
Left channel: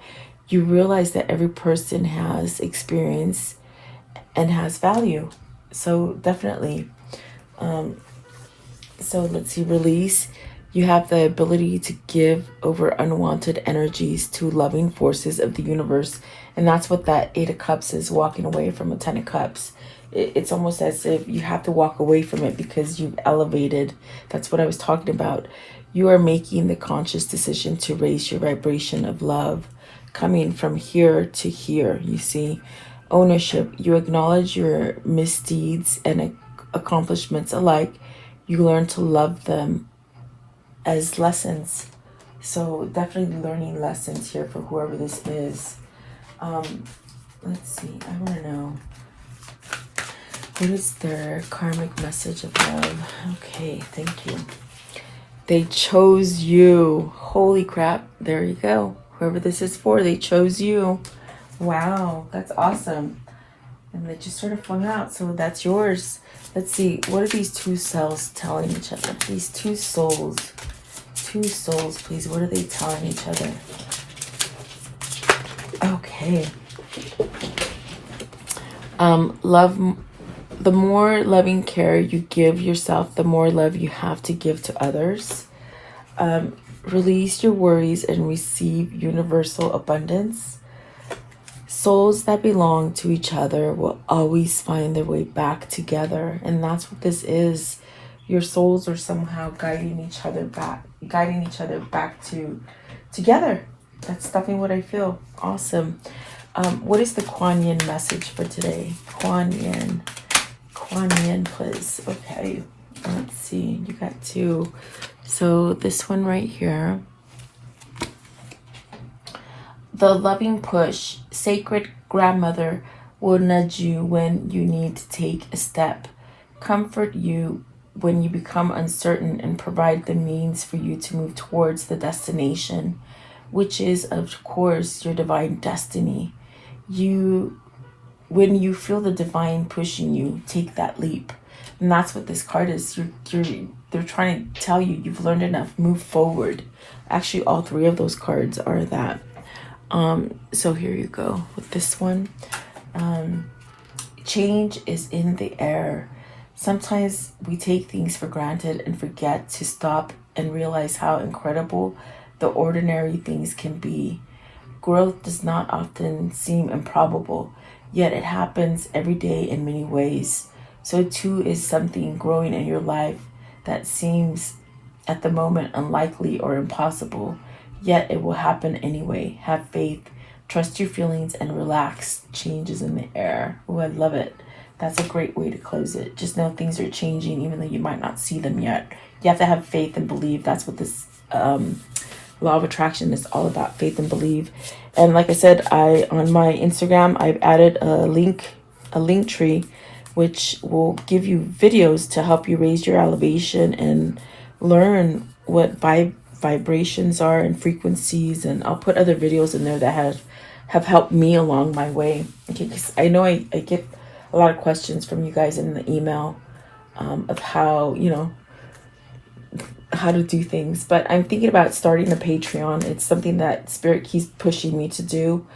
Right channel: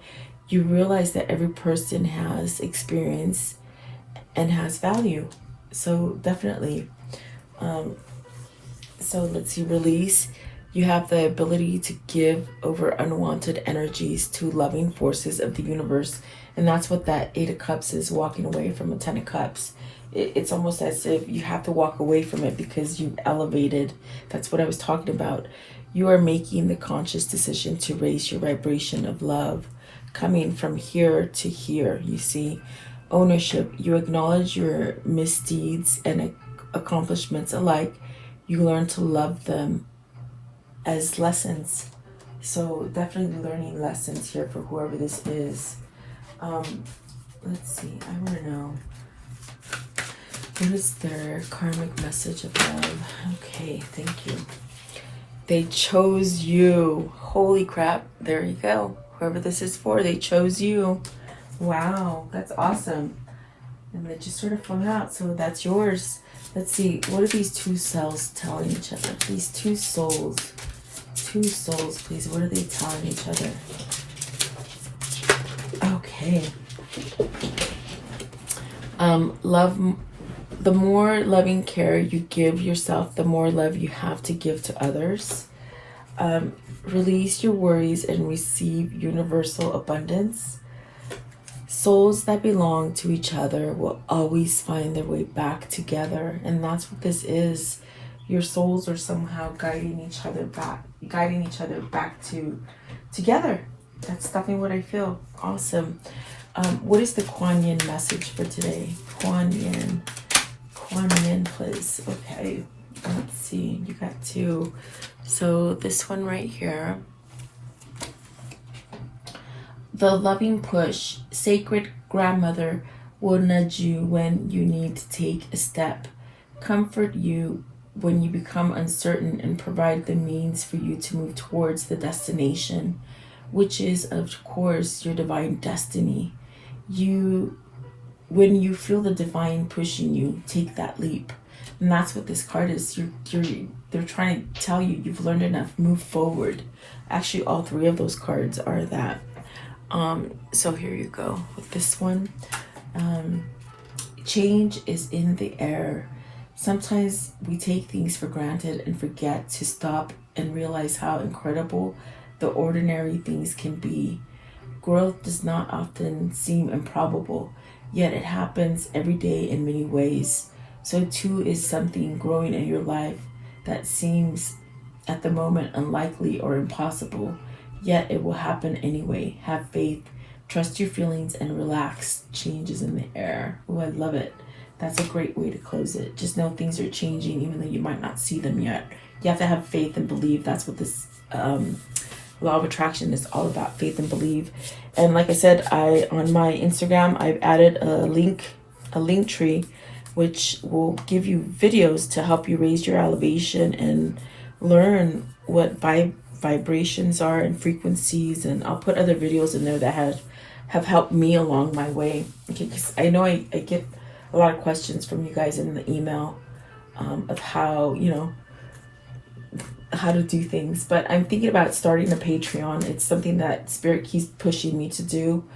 you realize that every person has experience and has value. So definitely. So let's see, release. You have the ability to give over unwanted energies to loving forces of the universe. And that's what that 8 of Cups is, walking away from a 10 of Cups. It's almost as if you have to walk away from it because you've elevated. That's what I was talking about. You are making the conscious decision to raise your vibration of love, coming from here to here. You see, ownership. You acknowledge your misdeeds and accomplishments alike. You learn to love them as lessons. So definitely learning lessons here for whoever this is. Let's see, I want to know, what is their karmic message of love? Okay, thank you. They chose you. Holy crap. There you go. Whoever this is for, they chose you. Wow, that's awesome. And they just sort of flung out, so that's yours. Let's see, what are these two selves telling each other? These two souls. Two souls, please. What are they telling each other? Okay. Love. The more loving care you give yourself, the more love you have to give to others. Release your worries and receive universal abundance. Souls that belong to each other will always find their way back together. And that's what this is. Your souls are somehow guiding each other back to together. That's definitely what I feel. Awesome. What is the Kuan Yin message for today? Kuan Yin, please. Okay, let's see. You got 2. So this one right here. The loving push, sacred grandmother will nudge you when you need to take a step, comfort you when you become uncertain, and provide the means for you to move towards the destination, which is, of course, your divine destiny. When you feel the divine pushing you, take that leap. And that's what this card is. They're trying to tell you you've learned enough, move forward. Actually, all 3 of those cards are that. So here you go with this one. Change is in the air. Sometimes we take things for granted and forget to stop and realize how incredible the ordinary things can be. Growth does not often seem improbable, yet it happens every day in many ways. So too is something growing in your life that seems at the moment unlikely or impossible, yet it will happen anyway. Have faith, trust your feelings, and relax. Change is in the air. Oh, I love it. That's a great way to close it. Just know things are changing even though you might not see them yet. You have to have faith and believe. That's what this law of attraction is all about, faith and believe. And like I said, on my Instagram, I've added a link tree, which will give you videos to help you raise your elevation and learn what vibrations are and frequencies. And I'll put other videos in there that have helped me along my way. Okay, because I know I get a lot of questions from you guys in the email of how, how to do things. But I'm thinking about starting a Patreon. It's something that Spirit keeps pushing me to do.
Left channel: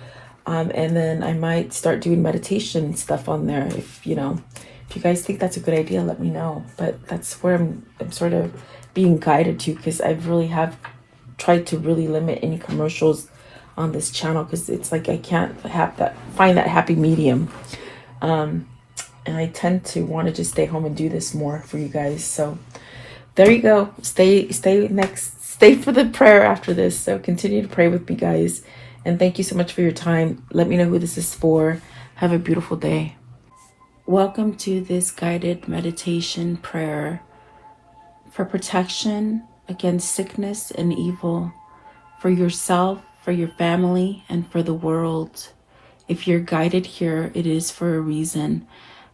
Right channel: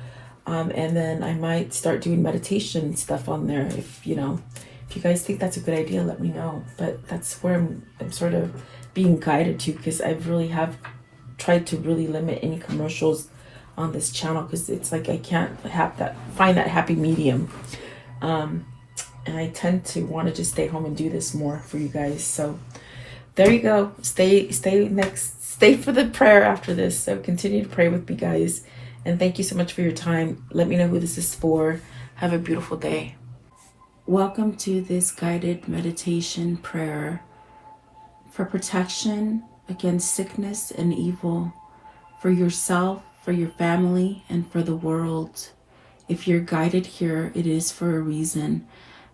And then I might start doing meditation stuff on there. If you guys think that's a good idea, let me know. But that's where I'm sort of being guided to, because I really have tried to really limit any commercials on this channel, because it's like I can't find that happy medium. And I tend to want to just stay home and do this more for you guys. So there you go. Stay for the prayer after this. So continue to pray with me, guys. And thank you so much for your time. Let me know who this is for. Have a beautiful day. Welcome to this guided meditation prayer for protection against sickness and evil, for yourself, for your family, and for the world. If you're guided here, it is for a reason.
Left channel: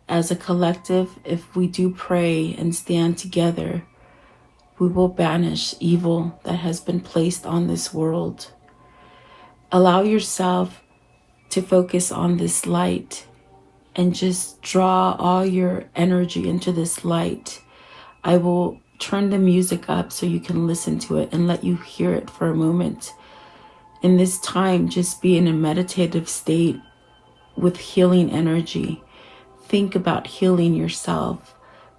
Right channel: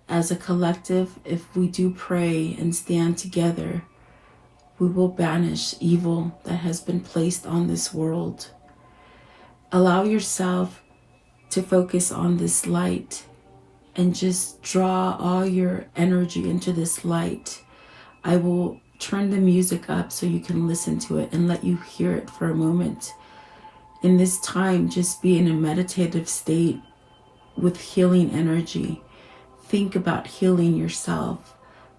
As a collective, if we do pray and stand together, we will banish evil that has been placed on this world. Allow yourself to focus on this light and just draw all your energy into this light. I will turn the music up so you can listen to it and let you hear it for a moment. In this time, just be in a meditative state with healing energy. think about healing yourself,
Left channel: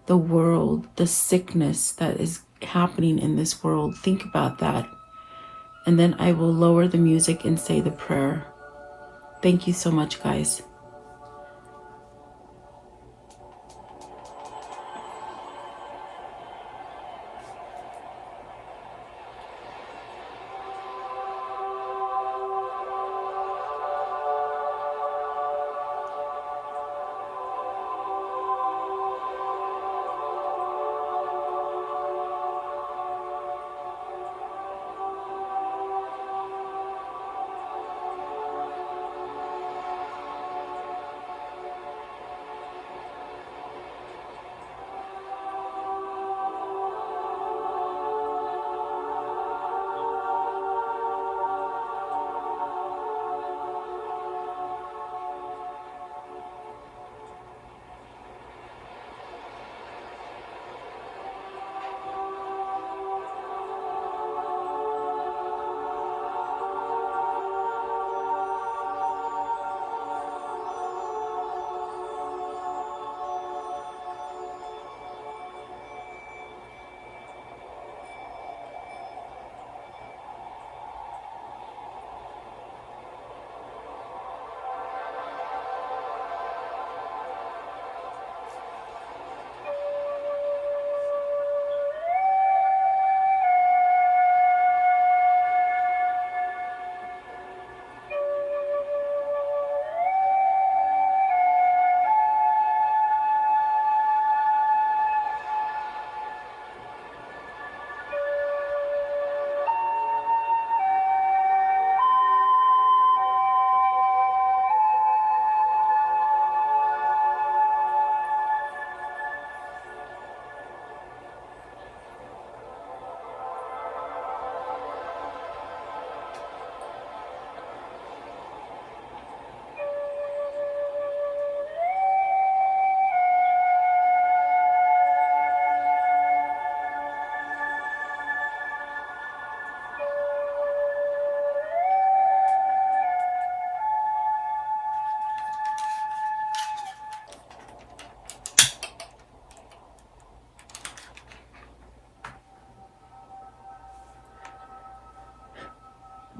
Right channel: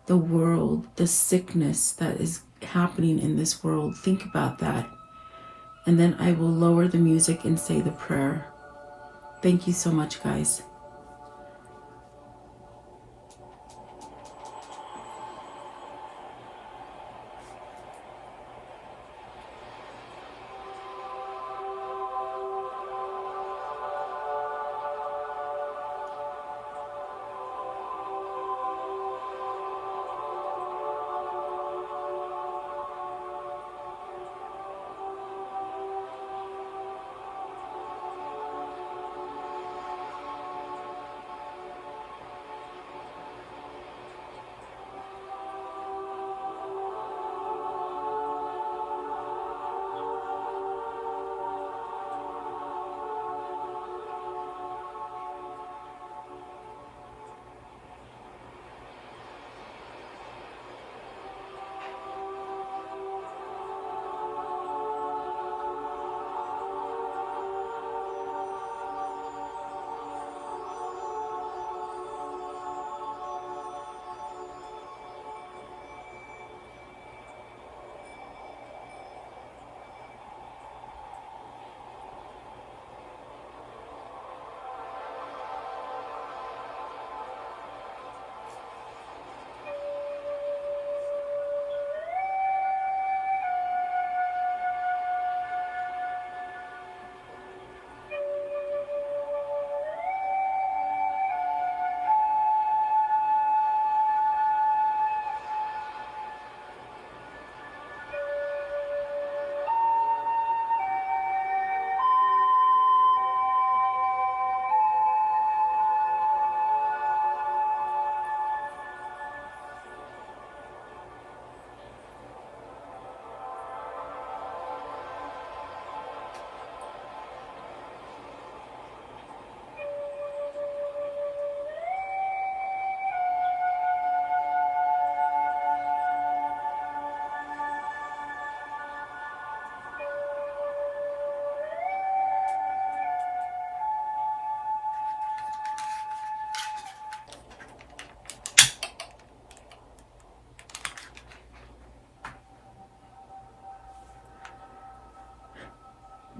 the world, the sickness that is happening in this world. Think about that. And then I will lower the music and say the prayer. Thank you so much, guys.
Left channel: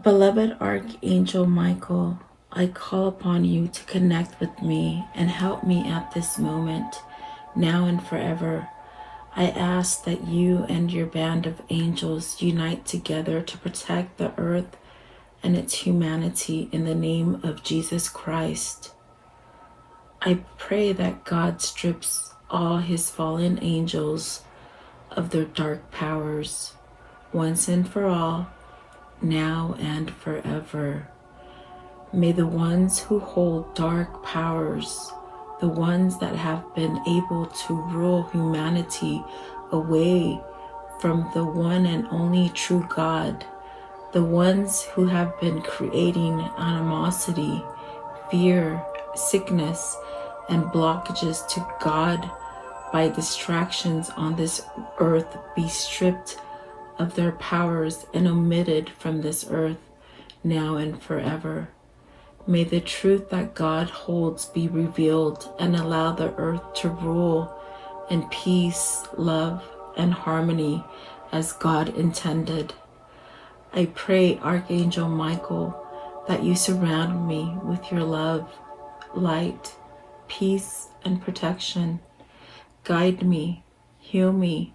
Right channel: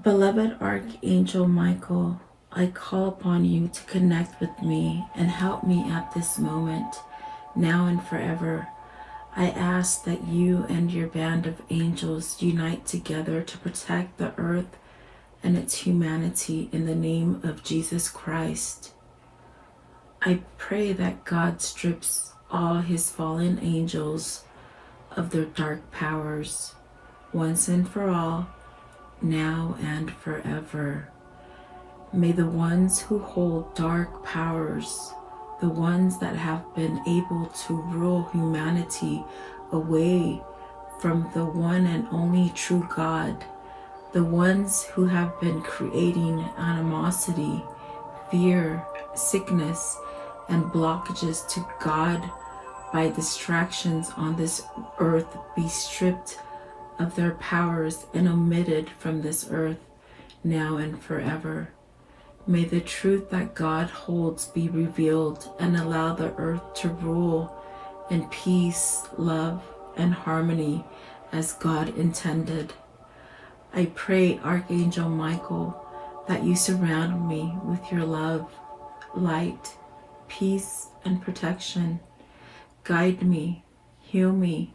Beloved Archangel Michael, I call upon you to connect with me and help me at this moment, now and forever. I ask that you and your band of angels unite together to protect the earth and its humanity in the name of Jesus Christ. I pray that God strips all his fallen angels of their dark powers, once and for all, now and forever. May the ones who hold dark powers, the ones that have been able to rule humanity away from the one and only true God, the ones who have been creating animosity, fear, sickness, and blockages to God by distractions on this earth be stripped of their powers and omitted from this earth, now and forever. May the truth that God holds be revealed and allow the earth to rule in peace, love, and harmony as God intended. I pray, Archangel Michael, that you surround me with your love, light, peace, and protection. Guide me, heal me,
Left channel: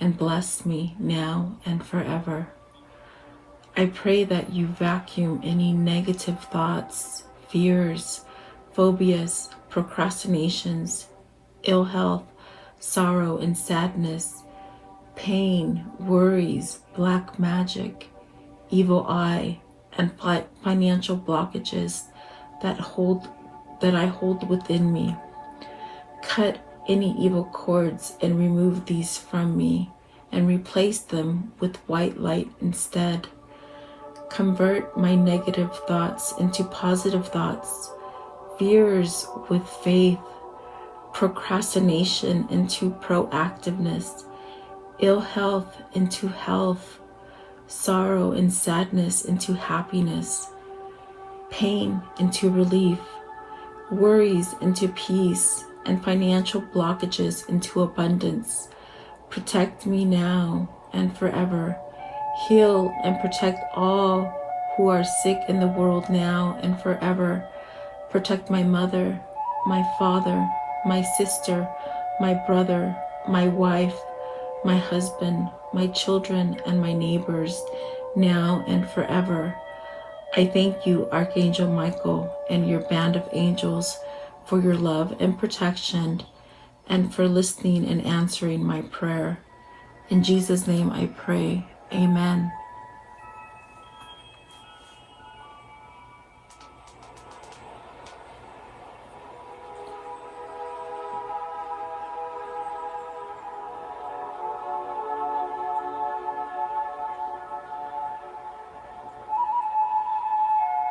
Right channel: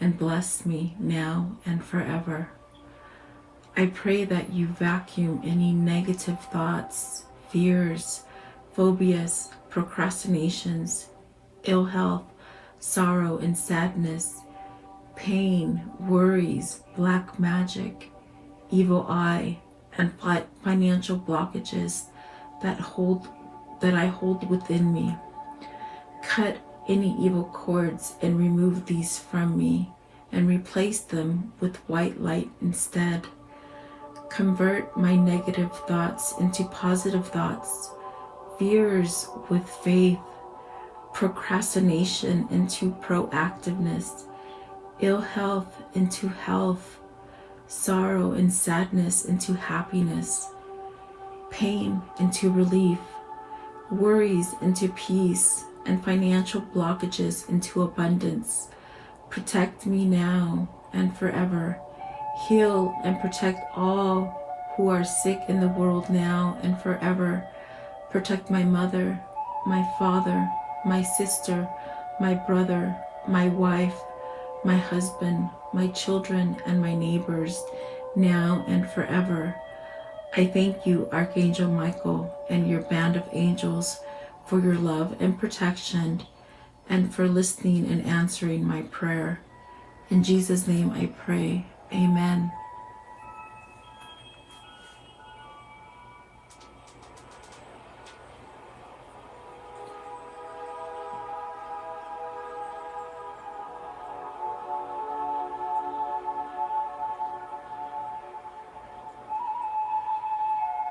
and bless me now and forever. I pray that you vacuum any negative thoughts, fears, phobias, procrastinations, ill health, sorrow and sadness, pain, worries, black magic, evil eye, and financial blockages that I hold within me. Cut any evil cords and remove these from me and replace them with white light instead. Convert my negative thoughts into positive thoughts, fears with faith, procrastination into proactiveness, ill health into health, sorrow and sadness into happiness, pain into relief, worries into peace, and financial blockages into abundance. Protect me now and forever. Heal and protect all who are sick in the world now and forever. Protect my mother, my father, my sister, my brother, my wife, my husband, my children, and my neighbors, now and forever. I thank you, Archangel Michael, and your band of angels for your love and protection, and for listening and answering my prayer. In Jesus' name I pray. Amen.